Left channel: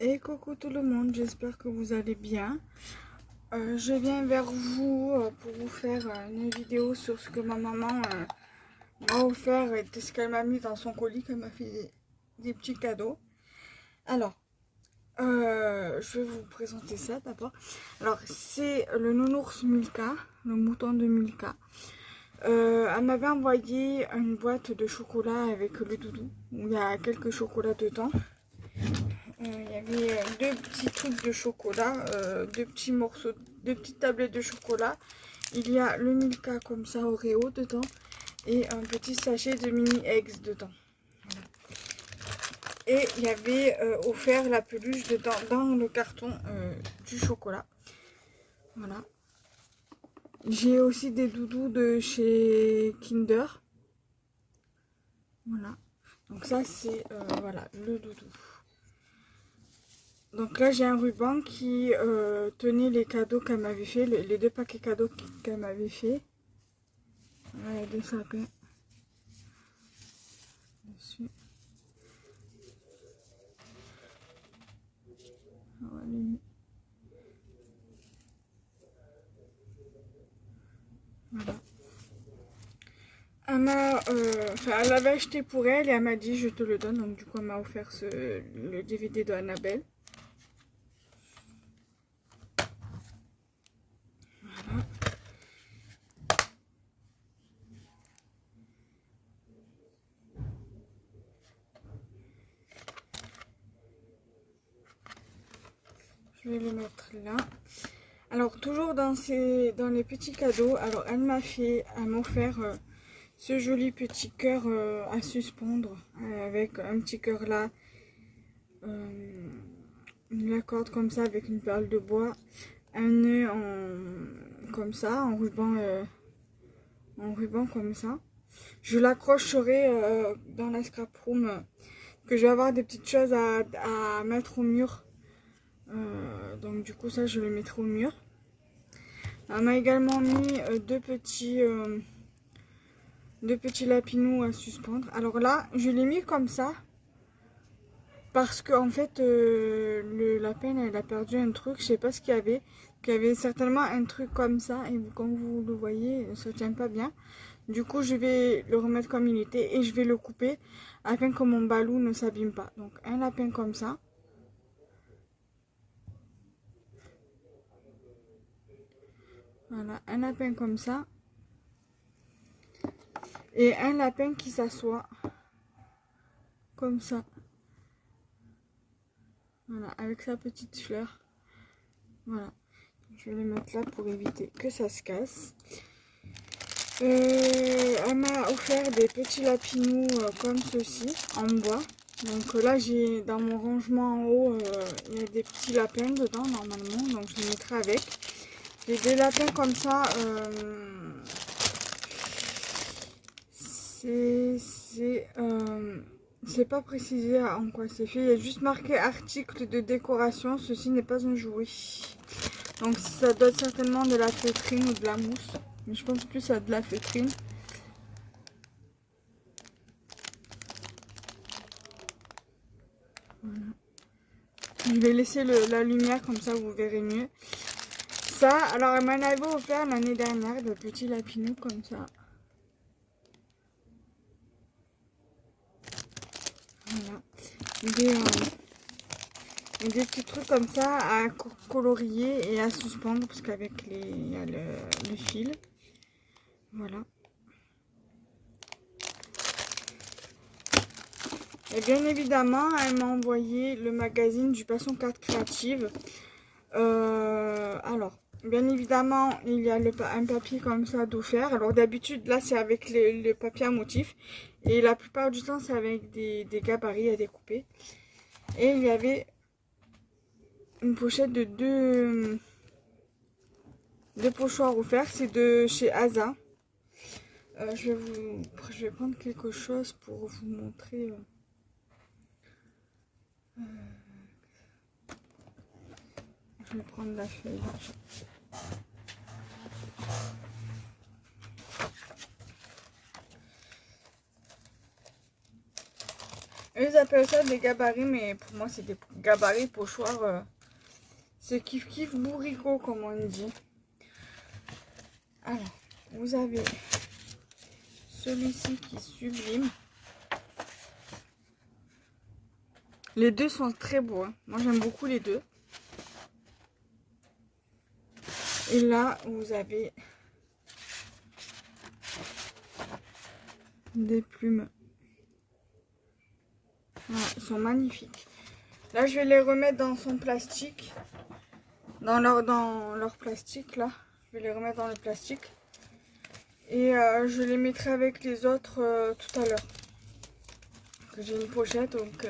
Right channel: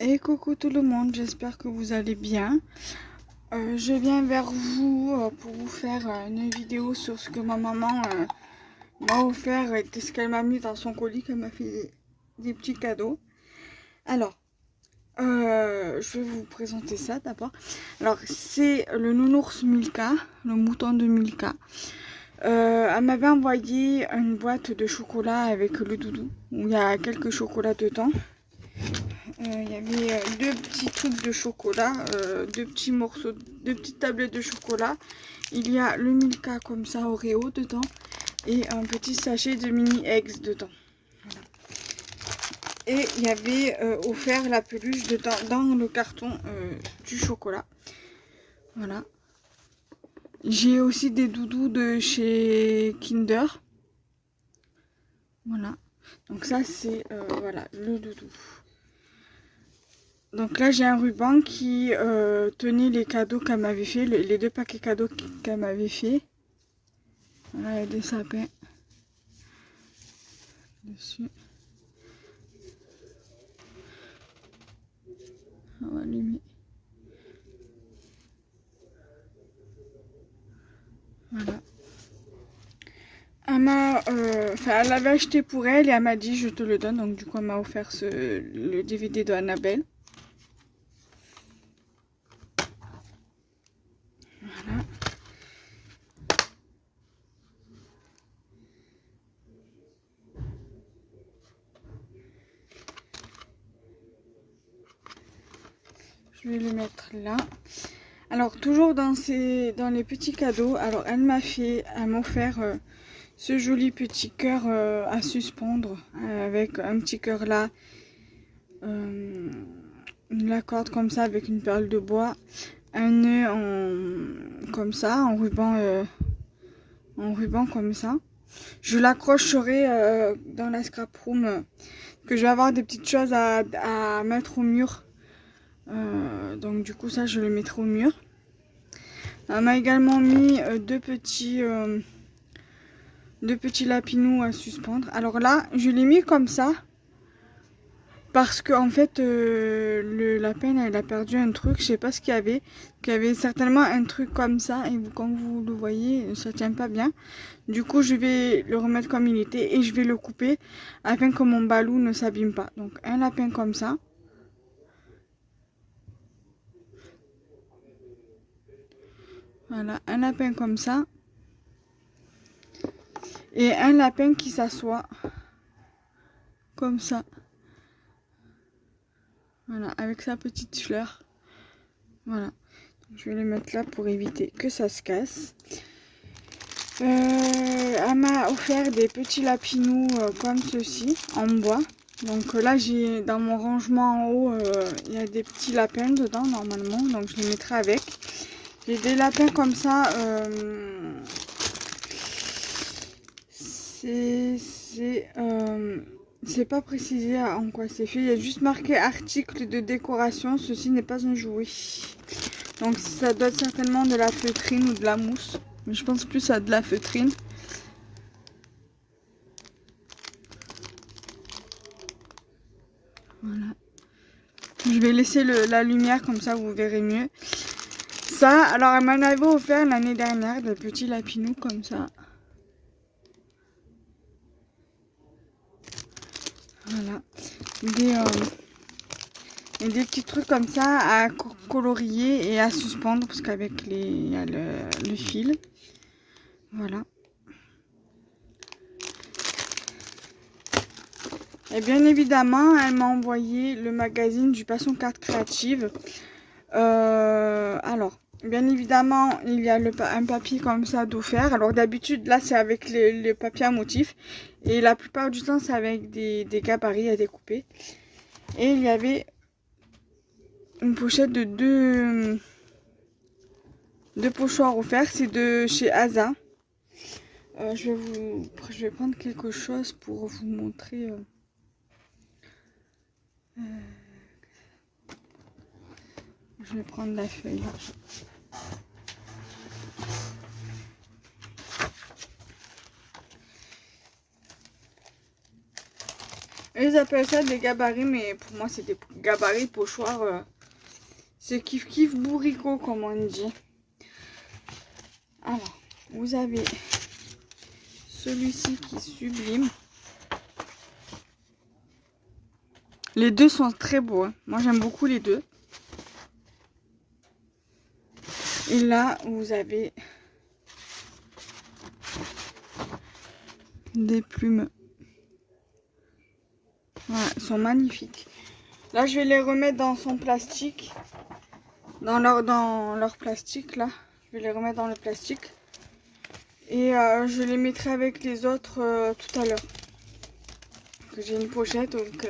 Et coucou tout le monde, j'espère que vous allez bien. Je viens vers vous pour vous faire une vidéo sur ce que ma maman m'a offert et ce qu'elle m'a mis dans son colis, qu'elle m'a fait des petits cadeaux. Alors, je vais vous présenter ça d'abord. Alors, c'est le nounours Milka, le mouton de Milka. Elle m'avait envoyé une boîte de chocolat avec le doudou, où il y a quelques chocolats dedans. Il y avait deux petits trucs de chocolat, deux petits morceaux, deux petites tablettes de chocolat. Il y a le Milka comme ça, Oreo dedans, et un petit sachet de mini eggs dedans. Voilà. Et il y avait offert la peluche dedans, dans le carton du chocolat. Voilà. J'ai aussi des doudous de chez Kinder. Voilà. Donc ça c'est voilà, le doudou. Donc là, j'ai un ruban qui tenait les cadeaux qu'elle m'avait fait, les deux paquets cadeaux qu'elle m'avait fait. Voilà, il y a des sapins dessus. On va allumer. Voilà. Elle l'avait acheté pour elle et elle m'a dit je te le donne. Donc du coup, elle m'a offert le DVD de Annabelle. Voilà. Je vais le mettre là. Alors toujours dans les petits cadeaux. Alors elle m'a offert ce joli petit cœur à suspendre avec un petit cœur là, la corde comme ça avec une perle de bois, un nœud comme ça en ruban comme ça. Je l'accrocherai dans la scrap room que je vais avoir des petites choses à mettre au mur. Donc du coup ça je le mettrai au mur. On m'a également mis deux petits lapinous à suspendre. Alors là je l'ai mis comme ça parce que en fait le lapin elle a perdu un truc, je sais pas ce qu'il y avait. Il y avait certainement un truc comme ça et comme vous le voyez ça tient pas bien. Du coup je vais le remettre comme il était et je vais le couper afin que mon balou ne s'abîme pas. Donc un lapin comme ça. Voilà, un lapin comme ça. Et un lapin qui s'assoit comme ça. Voilà, avec sa petite fleur. Voilà. Je vais le mettre là pour éviter que ça se casse. Elle m'a offert des petits lapinous comme ceci, en bois. Donc là, j'ai dans mon rangement en haut, il y a des petits lapins dedans normalement. Donc je les mettrai avec. J'ai des lapins comme ça. C'est pas précisé en quoi c'est fait. Il y a juste marqué article de décoration. Ceci n'est pas un jouet. Donc ça doit être certainement de la feutrine ou de la mousse. Mais je pense plus à de la feutrine. Voilà. Je vais laisser la lumière comme ça vous verrez mieux. Ça, alors elle m'en avait offert l'année dernière des petits lapinous comme ça. Voilà. Des petits trucs comme ça à colorier et à suspendre parce qu'avec il y a le fil. Voilà. Et bien évidemment, elle m'a envoyé le magazine du Passion Carte Créative. Alors, bien évidemment, il y a un papier comme ça d'offert. Alors d'habitude, là, c'est avec le papier à motif. Et la plupart du temps, c'est avec des gabarits à découper. Et il y avait une pochette de deux pochoirs offerts. C'est de chez Asa. Je vais prendre quelque chose pour vous montrer. Je vais prendre la feuille. ils appellent ça des gabarits, mais pour moi c'est des gabarits pochoirs. C'est kiff kiff bourricot comme on dit. Alors, vous avez celui-ci qui est sublime. Les deux sont très beaux, hein. Moi j'aime beaucoup les deux. Et là, vous avez des plumes. Voilà, ils sont magnifiques. Là, je vais les remettre dans son plastique. Dans leur plastique, là. Je vais les remettre dans le plastique. Et je les mettrai avec les autres tout à l'heure. J'ai une pochette, donc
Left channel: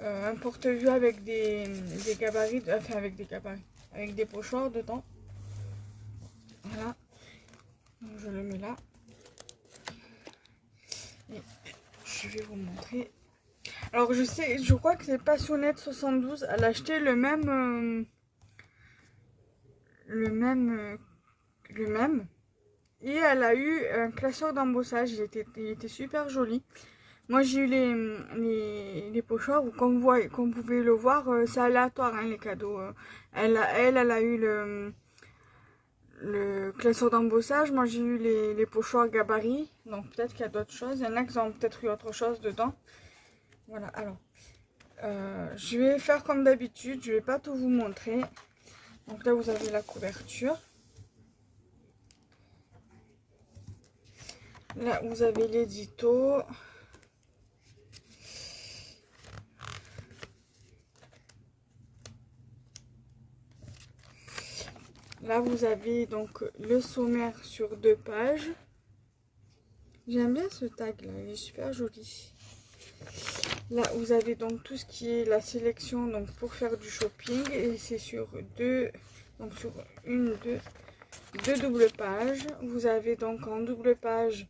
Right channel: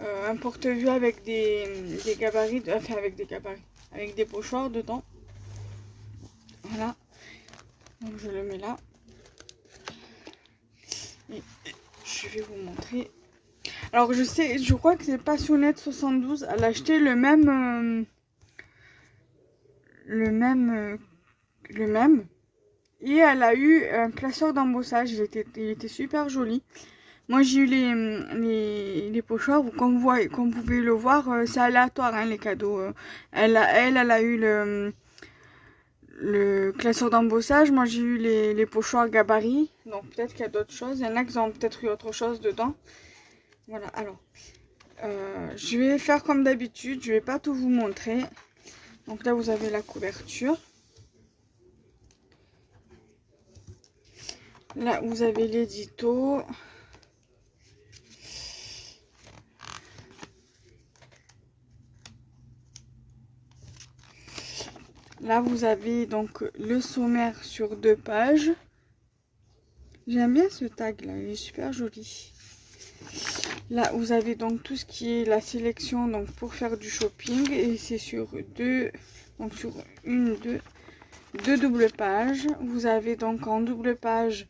un porte-vue avec des gabarits, enfin avec des gabarits, avec des pochoirs dedans. Voilà. Donc je le mets là. Et je vais vous montrer. Alors je crois que c'est Passionnette 72. Elle a acheté le même. Et elle a eu un classeur d'embossage. Il était super joli. Moi j'ai eu les pochoirs. Comme vous pouvez le voir, c'est aléatoire hein, les cadeaux. Elle a eu le classeur d'embossage. Moi j'ai eu les pochoirs gabarits. Donc peut-être qu'il y a d'autres choses. Il y en a qui ont peut-être eu autre chose dedans. Voilà, alors je vais faire comme d'habitude. Je vais pas tout vous montrer. Donc là vous avez la couverture. Là vous avez l'édito. Là vous avez donc le sommaire sur 2 pages. J'aime bien ce tag là, il est super joli. Là vous avez donc tout ce qui est la sélection donc pour faire du shopping et c'est sur deux doubles pages. Vous avez donc en double page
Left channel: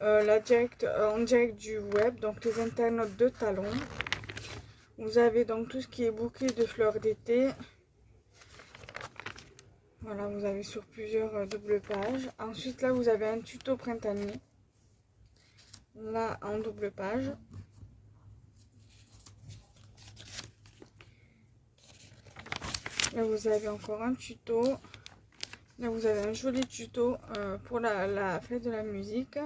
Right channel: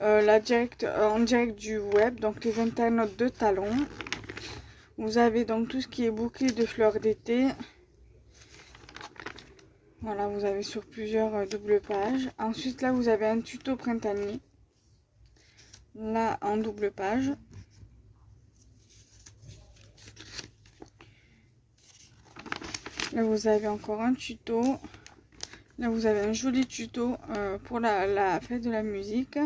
en direct du web, donc les internautes de Talon. Vous avez donc tout ce qui est bouquet de fleurs d'été. Voilà, vous avez sur plusieurs doubles pages. Ensuite là vous avez un tuto printanier. Là en double page. Là vous avez encore un tuto. Là vous avez un joli tuto pour la fête de la musique.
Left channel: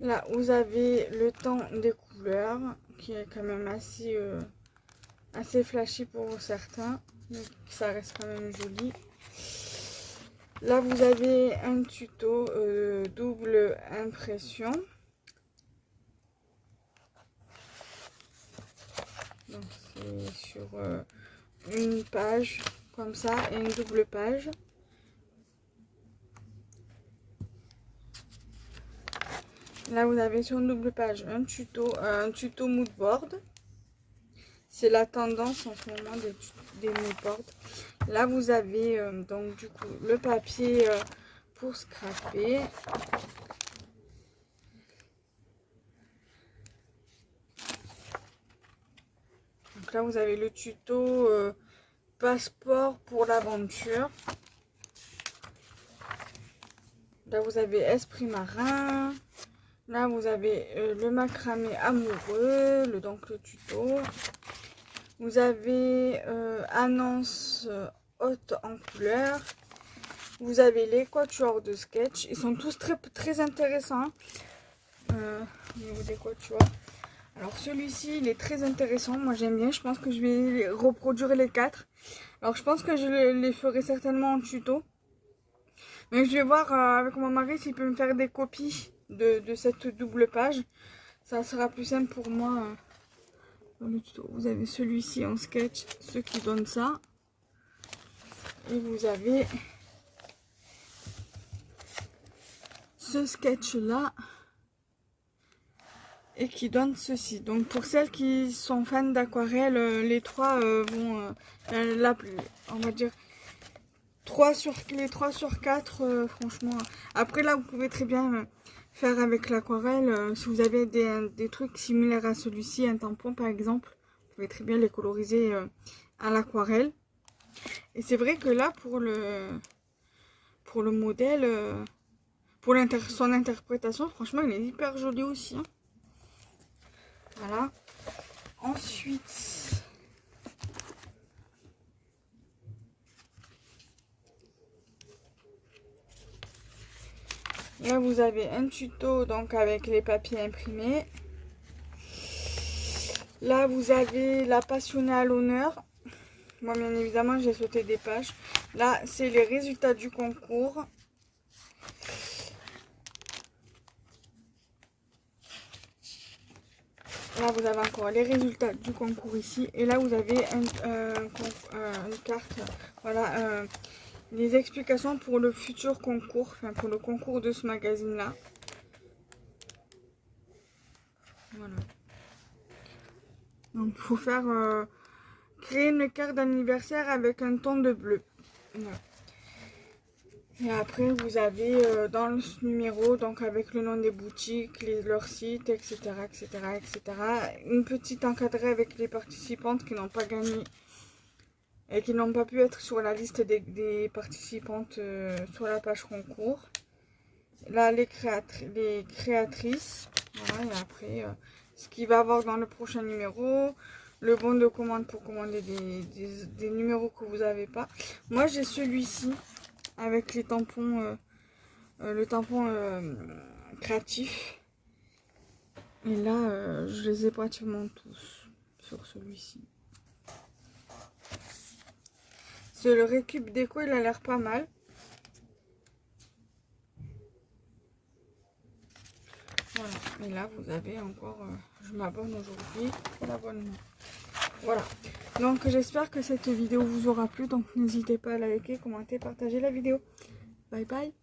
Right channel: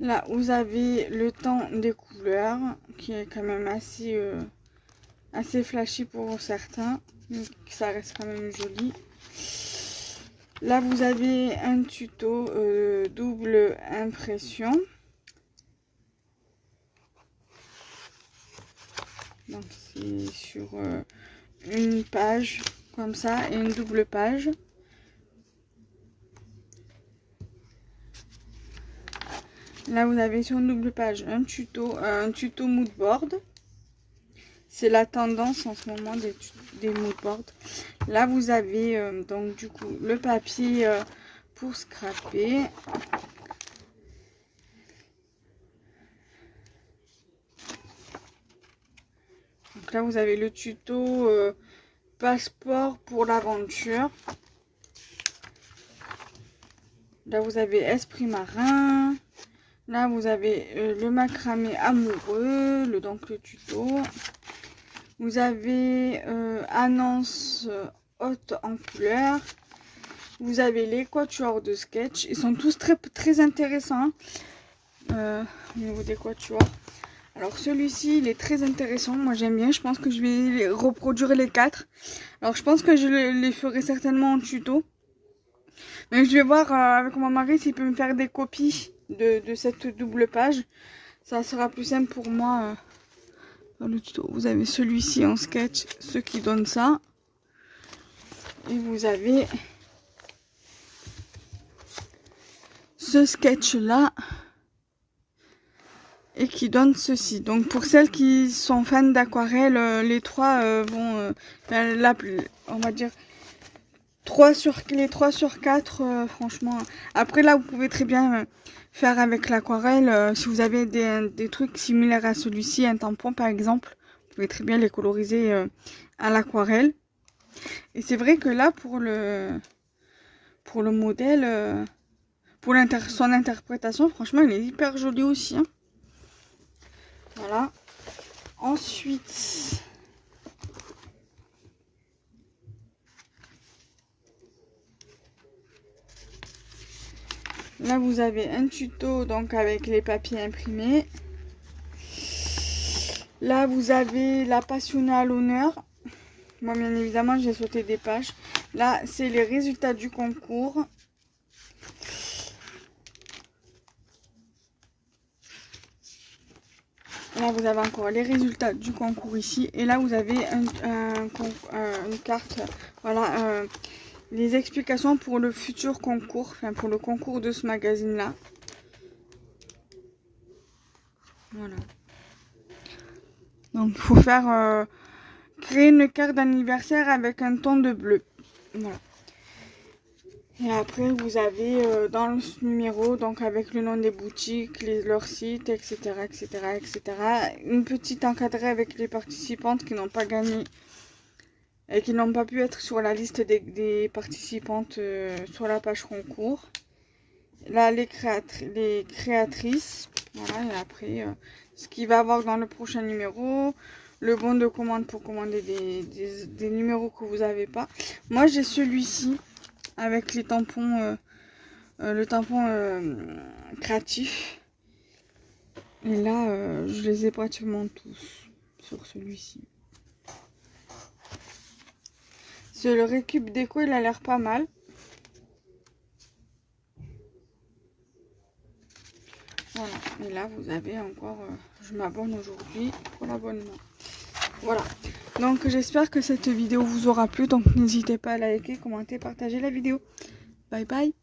Là vous avez le temps des couleurs qui est quand même assez flashy pour certains, mais ça reste quand même joli. Là vous avez un tuto double impression. Donc c'est sur une page comme ça et une double page. Là vous avez sur une double page un tuto mood board. C'est la tendance en ce moment des mood boards. Là vous avez donc du coup le papier pour scraper. Donc là vous avez le tuto passeport pour l'aventure. Là vous avez esprit marin. Là vous avez le macramé amoureux, donc le tuto. Vous avez annonce haute en couleur. Vous avez les quatuors de sketch. Ils sont tous très intéressants au niveau des quatuors. Alors celui-ci il est très intéressant, moi j'aime bien, je pense que je vais reproduire les 4. Alors je pense que je les ferai certainement en tuto. Mais je vais voir avec mon mari s'il peut me faire des copies de cette double page. Ça sera plus simple pour moi dans le tuto. Vous avez celui-ci en sketch, ce qui donne ça. Et vous avez ce sketch là. Et qui donne ceci. Donc pour celles qui sont fans d'aquarelle, les trois vont on va dire les 3 sur 4 franchement. Après là vous pouvez très bien faire avec l'aquarelle si vous avez des trucs similaires à celui-ci, un tampon par exemple, vous pouvez très bien les coloriser à l'aquarelle. Et c'est vrai que là pour le modèle pour son interprétation, franchement, il est hyper joli aussi. Hein. Voilà. Ensuite, là vous avez un tuto donc avec les papiers imprimés. Là vous avez la passionnée à l'honneur. Moi bien évidemment j'ai sauté des pages. Là c'est les résultats du concours. Là vous avez encore les résultats du concours ici. Et là vous avez une carte. Voilà. Les explications pour le futur concours, enfin pour le concours de ce magazine là. Voilà. Donc il faut faire créer une carte d'anniversaire avec un ton de bleu. Voilà. Et après vous avez dans le numéro, donc avec le nom des boutiques, leur site, etc., etc., etc. Une petite encadrée avec les participantes qui n'ont pas gagné et qui n'ont pas pu être sur la liste des participantes sur la page concours. Là les créatrices. Voilà, et après ce qu'il va avoir dans le prochain numéro, le bon de commande pour commander des numéros que vous n'avez pas. Moi j'ai celui-ci avec les tampons, le tampon créatif. Et là je les ai pratiquement tous sur celui-ci. Le récup déco, il a l'air pas mal. Voilà. Et là, vous avez encore... je m'abonne aujourd'hui pour l'abonnement. Voilà. Donc, j'espère que cette vidéo vous aura plu. Donc, n'hésitez pas à liker, commenter, partager la vidéo. Bye bye.